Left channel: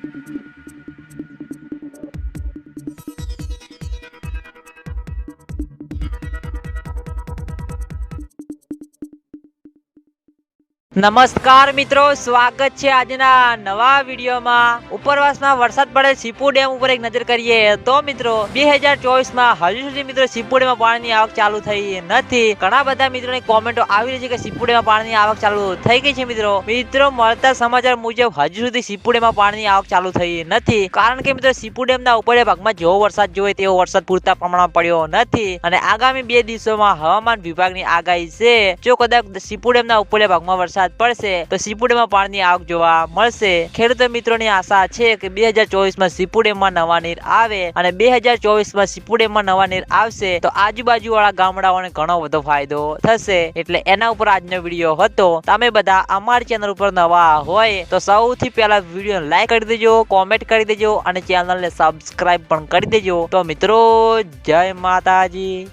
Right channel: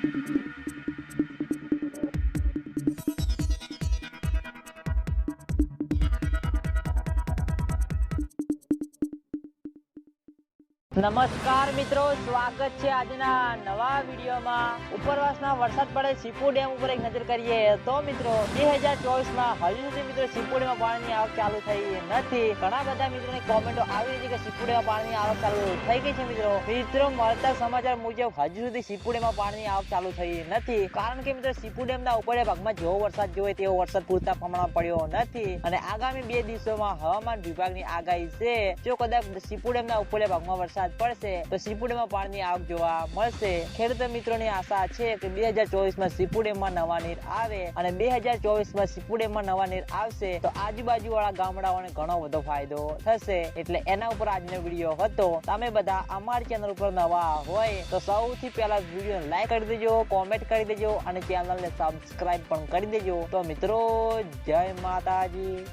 Thank you. નમસ્કાર મિત્રો, સ્વાગત છે આજના નવા વિડીયોમાં. ઉપરવાસમાં વરસાદ પડે સીપુ ડેમ ઉપર એક નજર કરીએ તો મિત્રો, બે હજાર ચોવીસમાં હજુ સુધી મિત્રો સીપુ ડેમમાં પાણીની આવક ચાલુ થઈ નથી. ઘણા બધા મિત્રોની કોમેન્ટો આવી રહી છે કે સીપુ ડેમમાં પાણીની આવક ચાલુ થઈ ગઈ છે મિત્રો. મિત્રો, મળતા સમાચાર મુજબ હજુ સુધી સીપુ ડેમમાં પાણીની આવક ચાલુ થઈ નથી. કારણ કે મિત્રો, સીપુ ડેમના ઉપર ભાગમાં જેવો વરસાદ જોઈએ તેવો વરસાદ પૂરતા પ્રમાણમાં પડ્યો નથી. અને આગામી બે દિવસોમાં હવામાન વિભાગની આગાહી છે. જો કદાચ સીપુ ડેમના ઉપર ભાગમાં વરસાદ પડશે તો સીપુડેમાં પાણીની આવક જોવા મળશે. ખેડૂત મિત્રોની આશા છે કે બે હજાર ચોવીસમાં સીપુડેમમાં નવા નીર આવે અને બે હજાર ચોવીસમાં સીપુડેમમાં નવા નીર આવશે તો આજુબાજુ વાળા ગામડાઓને ઘણો બધો ફાયદો થશે. એટલે એના ઉપર આજનો વીડિયો હતો. તમે બધા અમારી ચેનલ ઉપર નવા હોય તો સૌથી પહેલા વીડિયો લાઈક કરી દેજો, કોમેન્ટ કરી દેજો અને ચેનલને સબસ્ક્રાઈબ પણ કરી દેજો. તો મિત્રો, જય માતાજી.